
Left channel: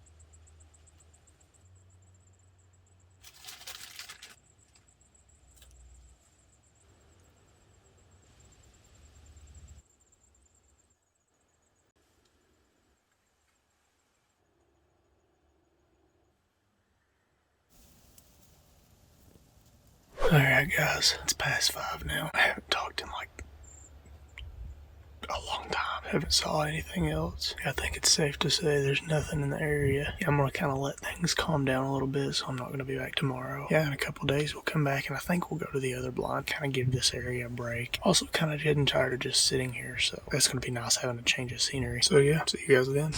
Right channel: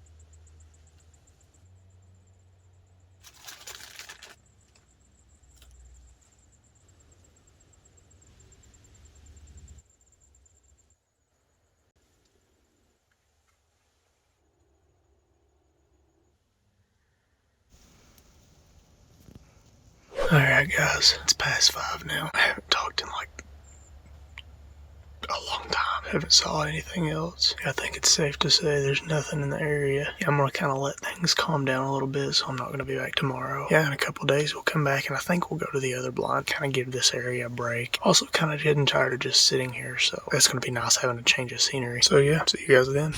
Alright guys, it's past 5 now. I haven't talked in like a long time. Haven't saw anything else. I think it's safe to say there's nothing in the area. Yeah, I'm gonna kind of let things calm down a little bit, so I'm not gonna be back tomorrow. Yeah, in a couple days we'll come back and I think we'll go to the other blind, kind of give this area a break. Also kind of getting tired of just sitting here, so that's gonna be nice having a change of scenery. So yeah, see you guys then.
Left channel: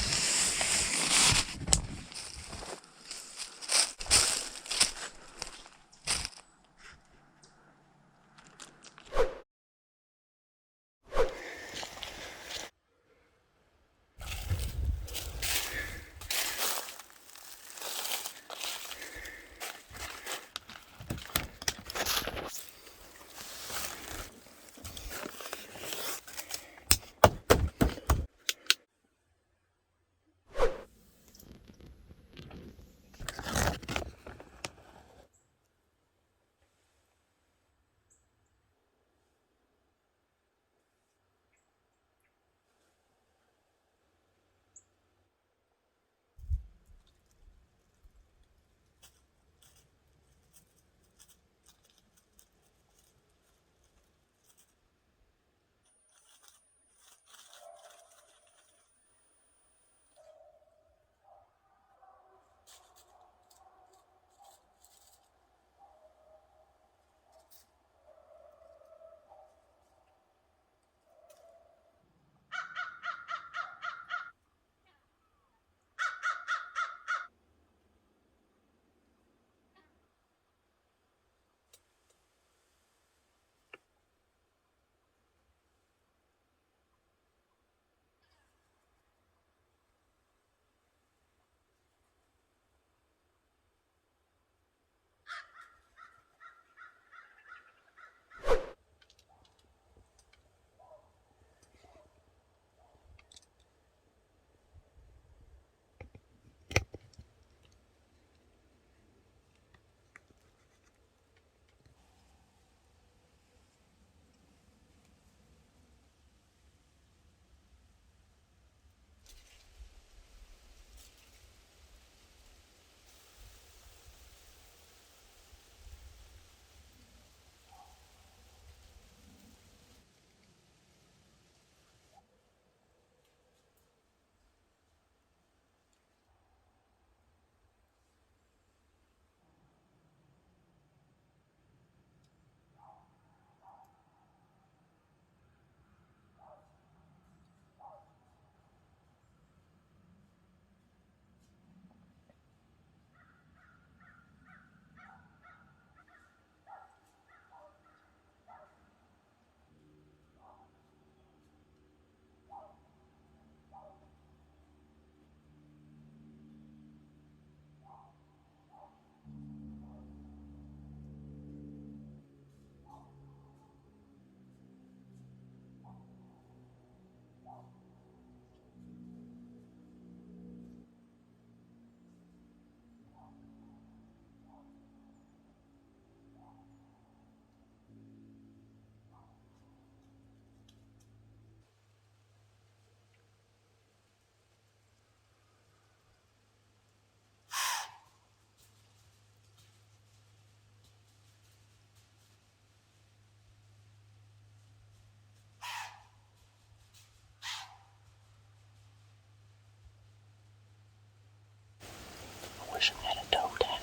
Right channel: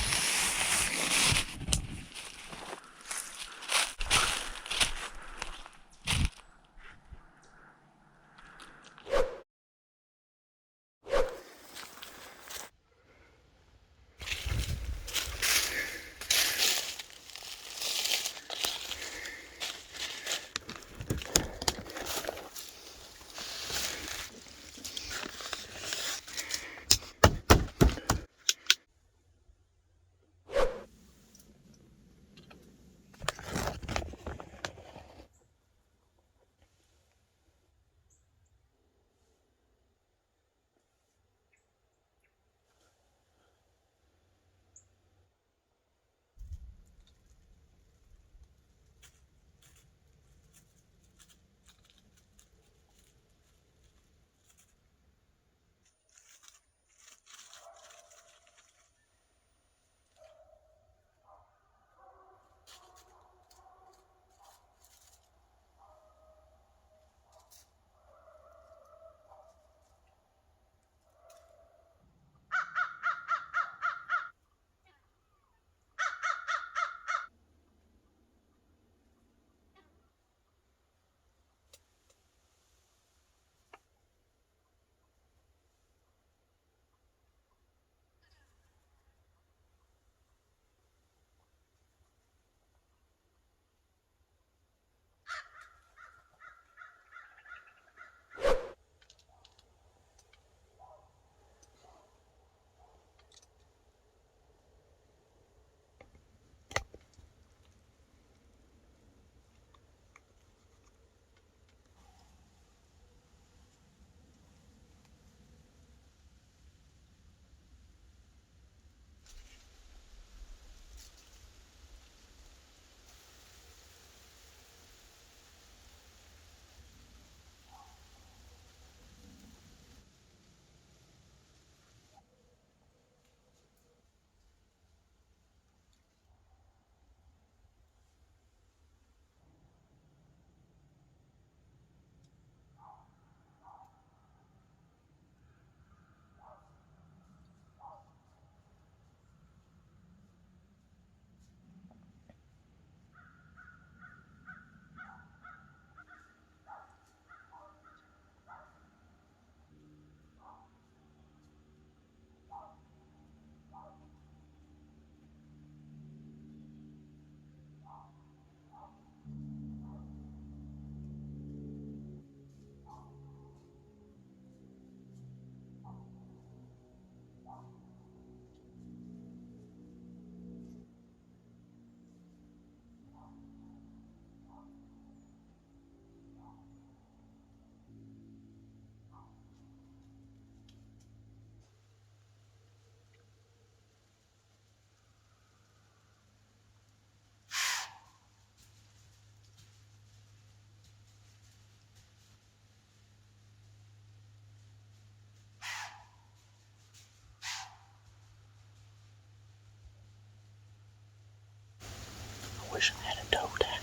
I wish I had a toe tag.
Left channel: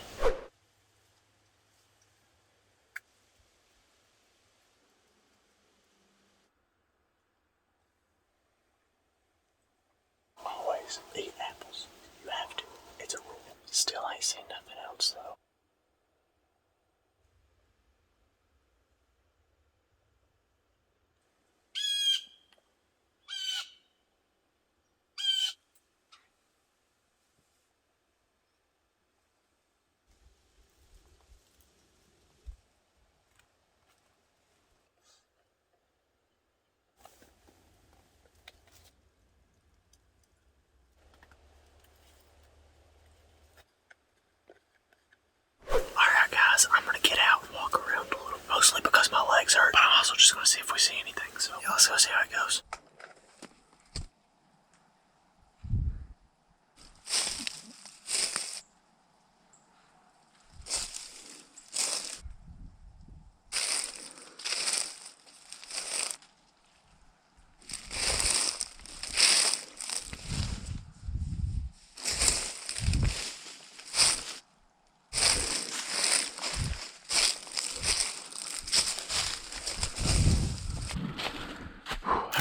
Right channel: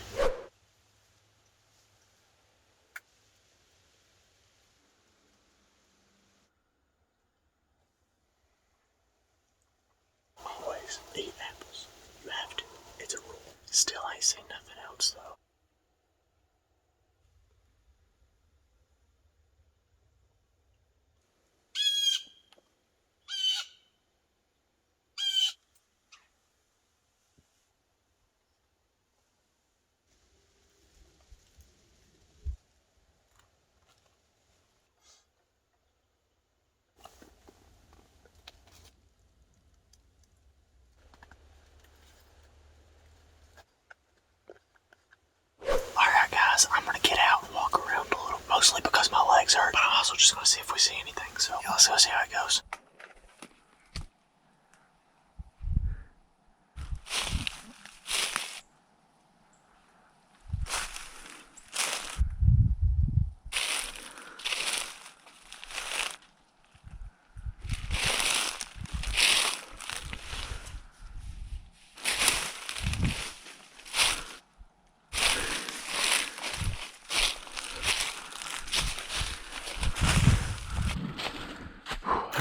Always eat apples. You have to. It's a rule. Still ain't seen nothing else though. Alright guys, I'm gonna get out and walk around a little, mostly because my legs hurt, but I'm also just gonna see if we see anything, so yeah, let's go see how it goes.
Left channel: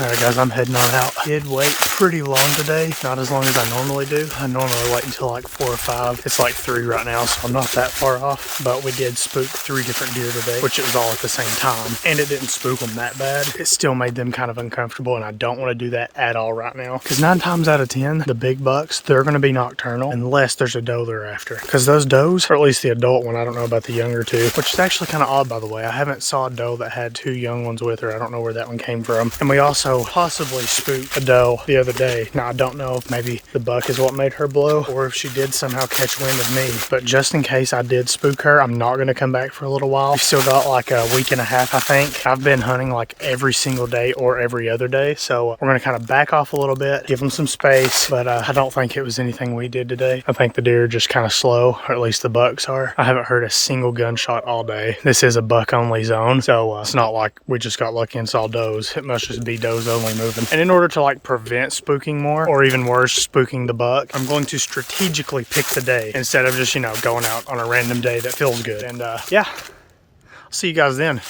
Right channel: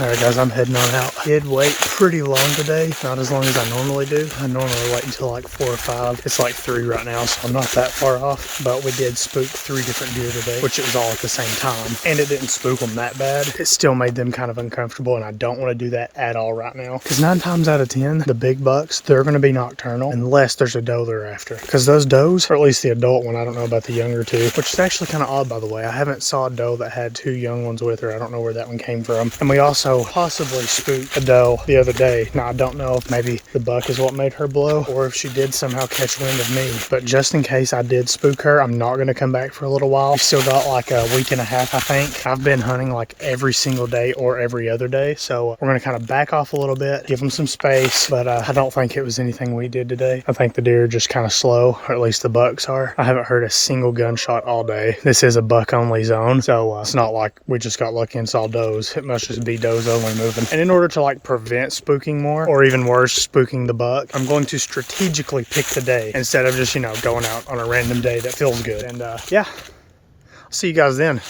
Alright guys, I'm heading on out. Did wait pretty long today, not as long as I normally do. I normally wait until like 4 or 5. It's like 3 right now, so I'm not that far off. But we did spook 3 different deer today, which it was all at the same time. And it didn't spook them that bad. It still made them kind of uncomfortable, and I don't want to do that at all right now. Because 9 times out of 10, the big bucks, they're going to be nocturnal unless there's a doe they're after. Because those does, or at least the adult one, I don't know about the younger two, which is actually kind of odd by the way. I haven't saw a doe that had 2 young ones with her. I don't know where that one came from. And we also possibly spooked a doe the other day. Now I don't know if maybe the buck is what made her blow or if she did somehow catch wind of me, but just in case I did spook her, I'm not going to come back for a little while. We still got like a week and a half, I think. I've been hunting like every single day or every other day, so we're going to kind of back off a little bit, give them some space, but I don't think it was anything we did today. I think the deer are just kind of slow, or at least the bucks are. I haven't heard a single gunshot all day. This is a buck only zone, so it's not like we just got lucky and saw does. It must just be does only moving. And in order to like prevent spooking more, or even worse, spooking the buck, I'm going to strategically pick the day instead of just, you know, going out on a random day that feels good. And yeah, I'll see you guys then.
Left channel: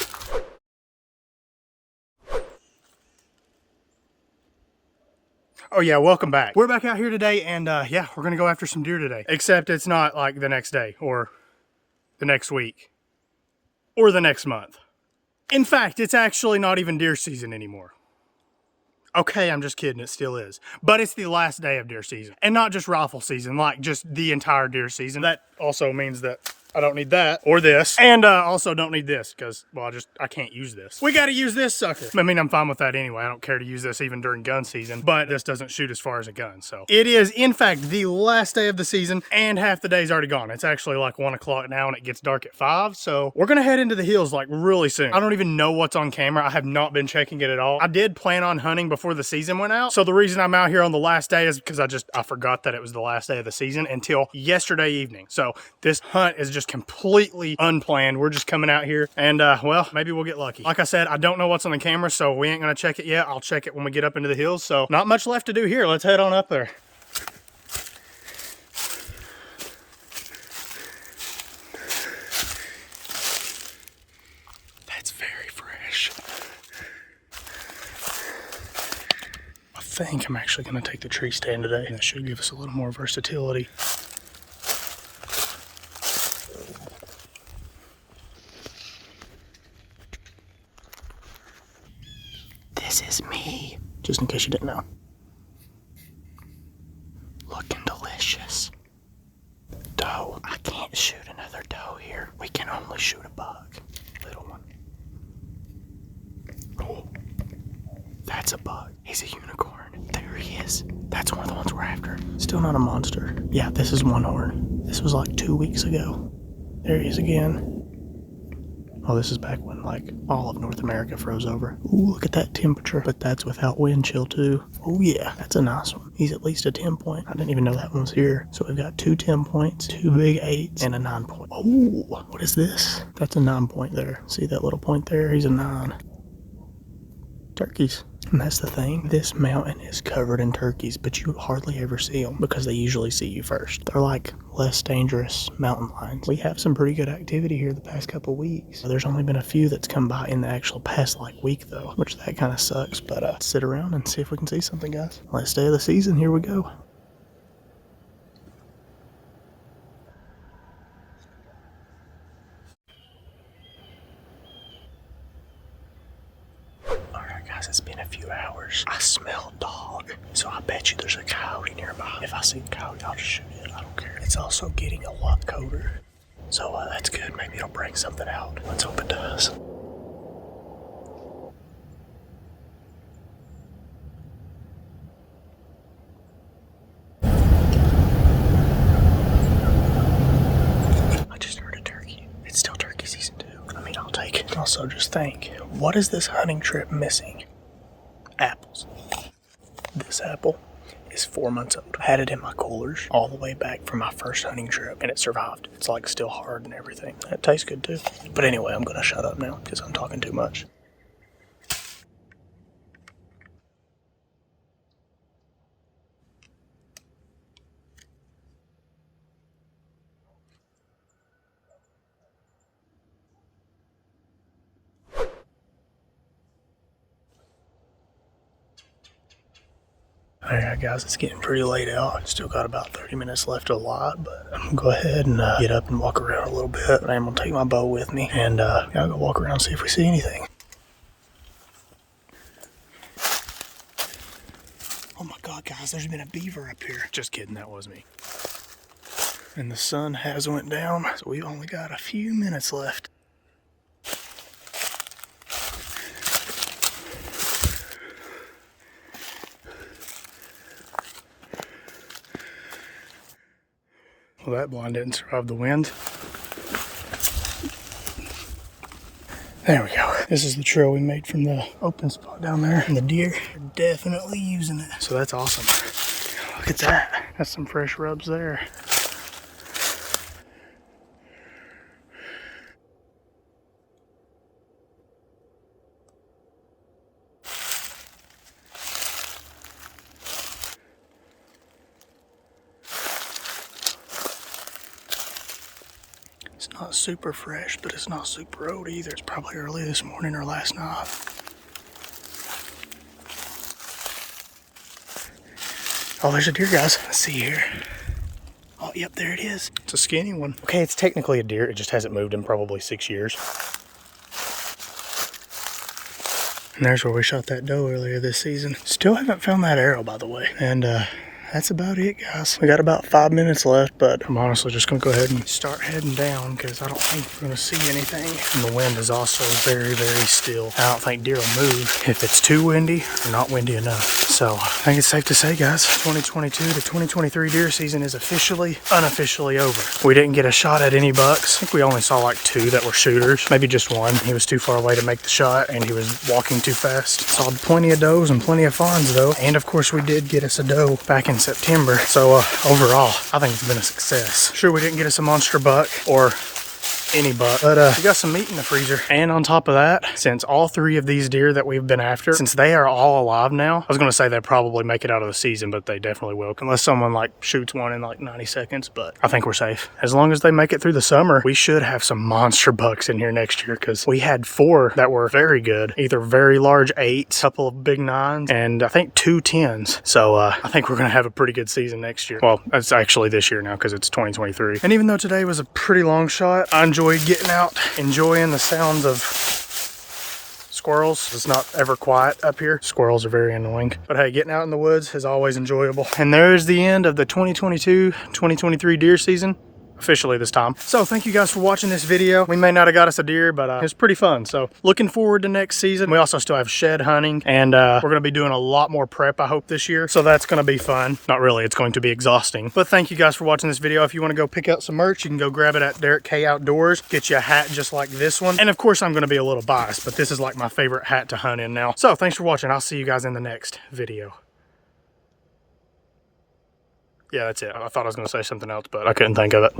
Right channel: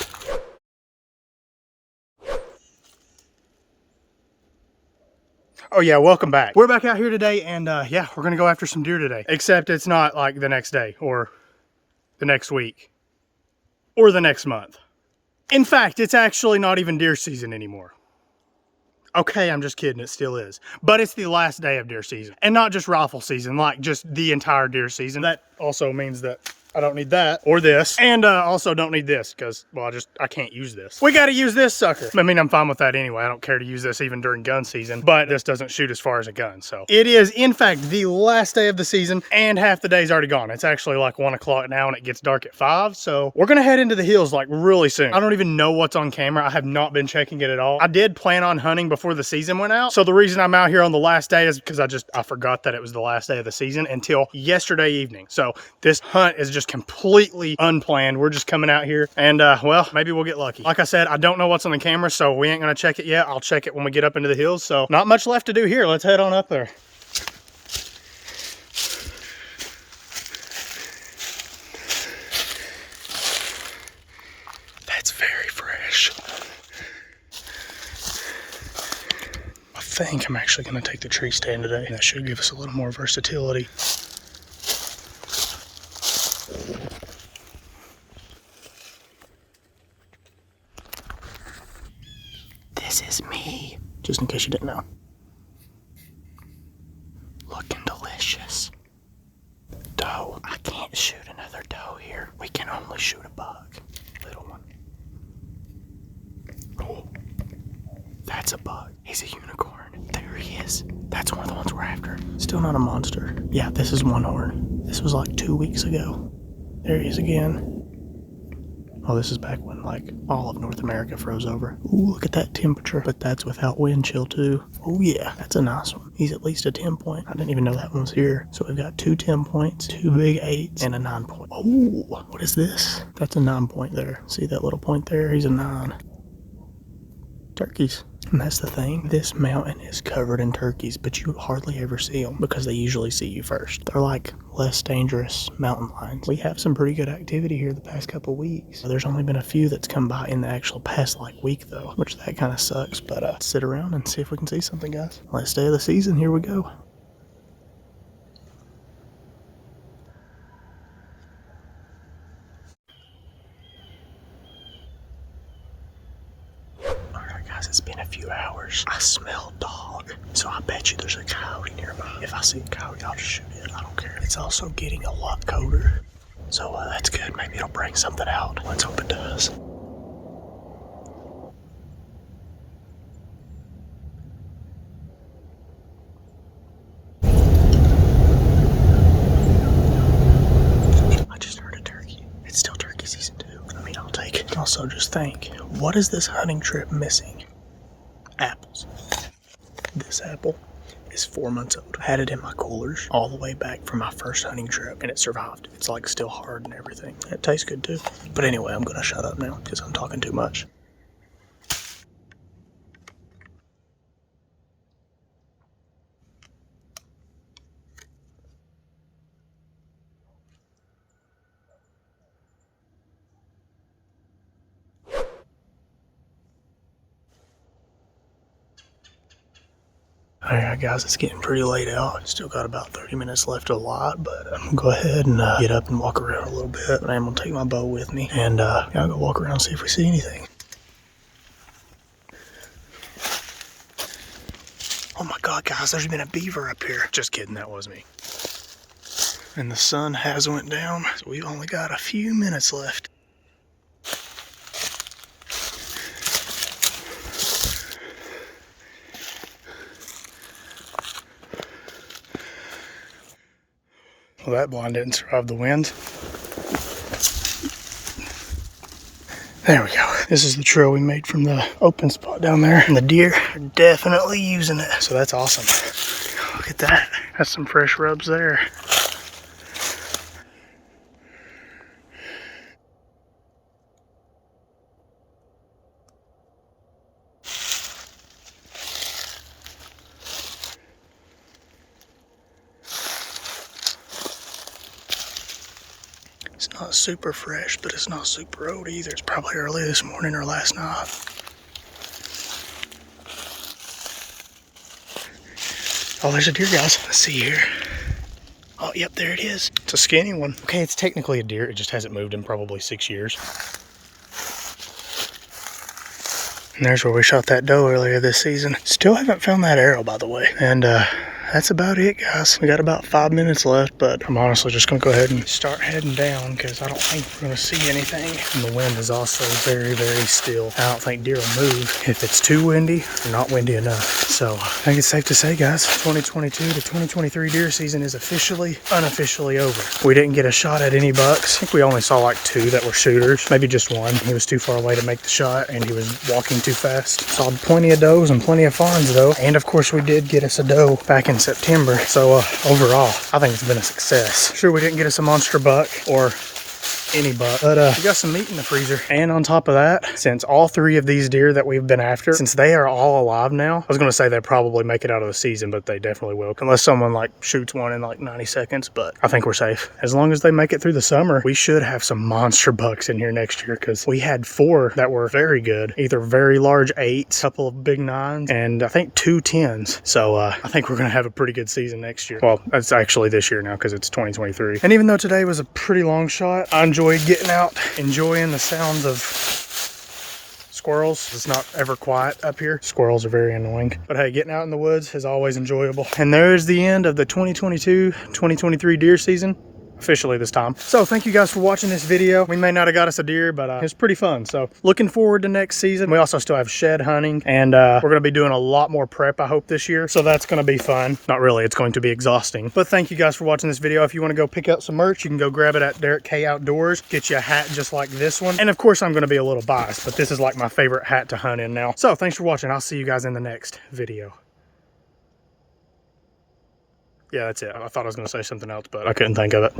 Oh yeah, welcome back. We're back out here today, and yeah, we're gonna go after some deer today. Except it's not like the next day, or the next week, or the next month. In fact, it's actually not even deer season anymore. Okay, I'm just kidding, it still is. But it's the last day of deer season. And not just rifle season, like just the entire deer season. That also means that I don't need that or this, and also don't need this because, well, I can't use this. We got to use this sucker. I mean, I'm fine with that anyway. I don't care to use this even during gun season, but this doesn't shoot as far as a gun. So it is, in fact, the last day of the season, and half the day's already gone. It's actually like 1 o'clock now, and it gets dark at 5. So we're gonna head into the hills like really soon. I don't even know what's on camera. I have not been checking it at all. I did plan on hunting before the season went out. So the reason I'm out here on the last day is because I forgot that it was the last day of the season until yesterday evening. So this hunt is just completely unplanned. We're just coming out here, and well, maybe we'll get lucky. Like I said, I don't know what's on the camera, so we ain't gonna check it yet. I'll check it when we get up into the hills. So not much left to do here. Let's head on up there. That's very fresh. I think I'm actually gonna take the tree stand today. That should give us a little more versatility. This is me, just in case you didn't know. Looking delicious. Doe. I can't shoot another doe here. We can only shoot a buck. Little one. Oh, that's a buck. He's a unicorn. There he is. That's one of the ones we're after. Still not a monster. Yeah, this is one horn. This was like 2 weeks ago. There he is again. Oh, this is back when like all of North America froze over. Ooh, look at that temperature. But that's without wind chill too. Oh yeah, that's a nice one. He's at least a 10 point. I didn't even know that one was here. So we've got 2 10 points, 2 big 8s, and a 9 point. Oh, what is this? That's a 9 point there. See that little point there? He's a 9. Turkeys. And that's the thing. This mountain is covered in turkeys, but you hardly ever see them because they usually see you first. They're like less dangerous mountain lions. We have some pretty good activity here the past couple weeks. There's only been a few that's come by in the actual past like week though, which that kind of sucks. But sit around and see if we can see something, guys. Last day of the season, here we go. It's been a few hours. I smell dog, so I bet you there's a coyote nearby. If I see a coyote, I'll just shoot it. I don't care. It's also getting a lot colder, so that's good. Maybe it'll bring something out. Let's hope it does. I just heard a turkey. It's still turkey season too. I mean, I'll take it. Also, just think, what is this hunting trip missing? Apples. This apple is 4 months old. I had it in my coolers all the way back from my first hunting trip, and it survived. It's like still hard and everything. It tastes good too. But anyway, I'm gonna shut up now because I'm talking too much. Alright guys, it's getting pretty late out. Still got about 30 minutes left of the lot, but I'm gonna go ahead and get up and walk around a little bit. But I am gonna take my bow with me and I'll go walk around and see if we see anything. Oh my god guys, there's been a beaver up here. Just kidding, that was me. And the sun has went down, so we've only got a few minutes left. Well, that blind didn't survive the wind. There we go. This is the trail we made from the open spot down there. And the deer are definitely using it. So that's awesome. Look at that. That's some fresh rubs there. It's not super fresh, but it's not super old either. It's probably early this morning or last night. Oh, there's a deer, guys. Let's see here. Oh, yep, there it is. It's a skinny one. Okay, it's technically a deer. It just hasn't moved in probably 6 years. And there's where we shot that doe earlier this season. Still haven't found that arrow, by the way. And that's about it, guys. We got about 5 minutes left, but I'm honestly just gonna go ahead and start heading down because I don't think we're gonna see anything. And the wind is also very, very still. I don't think deer will move if it's too windy or not windy enough. So I think it's safe to say, guys, 2022 to 2023 deer season is unofficially over. We didn't get a shot at any bucks. I think we only saw like 2 that were shooters, maybe just 1. He was too far away to make the shot and he was walking too fast. Saw plenty of does and plenty of fawns though. And of course we did get us a doe back in September. So overall, I think it's been a success. Sure, we didn't get us a monster buck or any buck, but we got some meat in the freezer. And on top of that, since all 3 of these deer that we've been after, since they are all alive now, I was gonna say they probably make it out of the season, but they definitely will, unless someone like shoots one in like 90 seconds, but I think we're safe. As long as they make it through the summer, we should have some monster bucks in here next year, because we had 4 that were very good, either very large 8s, a couple of big 9s, and I think 2 10s. So I think we're gonna have a pretty good season next year. Well, it's actually this year now because it's 2023. And even though today was a pretty long shot, I enjoyed getting out, enjoying the sounds of squirrels. It's not ever quiet up here. Squirrels are very annoying. But hey, getting out in the woods is always enjoyable. And there's the end of the 2022-2023 deer season. Officially this time. So thank you guys for watching this video. We may not have got us a deer, but it's pretty fun. So looking forward to next season. We also still have shed hunting, and we're going to be doing a lot more prep, I hope, this year. So that's going to be fun. Not really, it's going to be exhausting. But thank you guys for watching this video. If you want to go pick up some merch, you can go grab it at Derek K Outdoors. Get you a hat just like this one. And of course, I'm going to be a little biased, but this is like my favorite hat to hunt in now. So thanks for watching. I'll see you guys in the next video. Yeah, that's it. I thought I was going to say something else, but I couldn't think of it.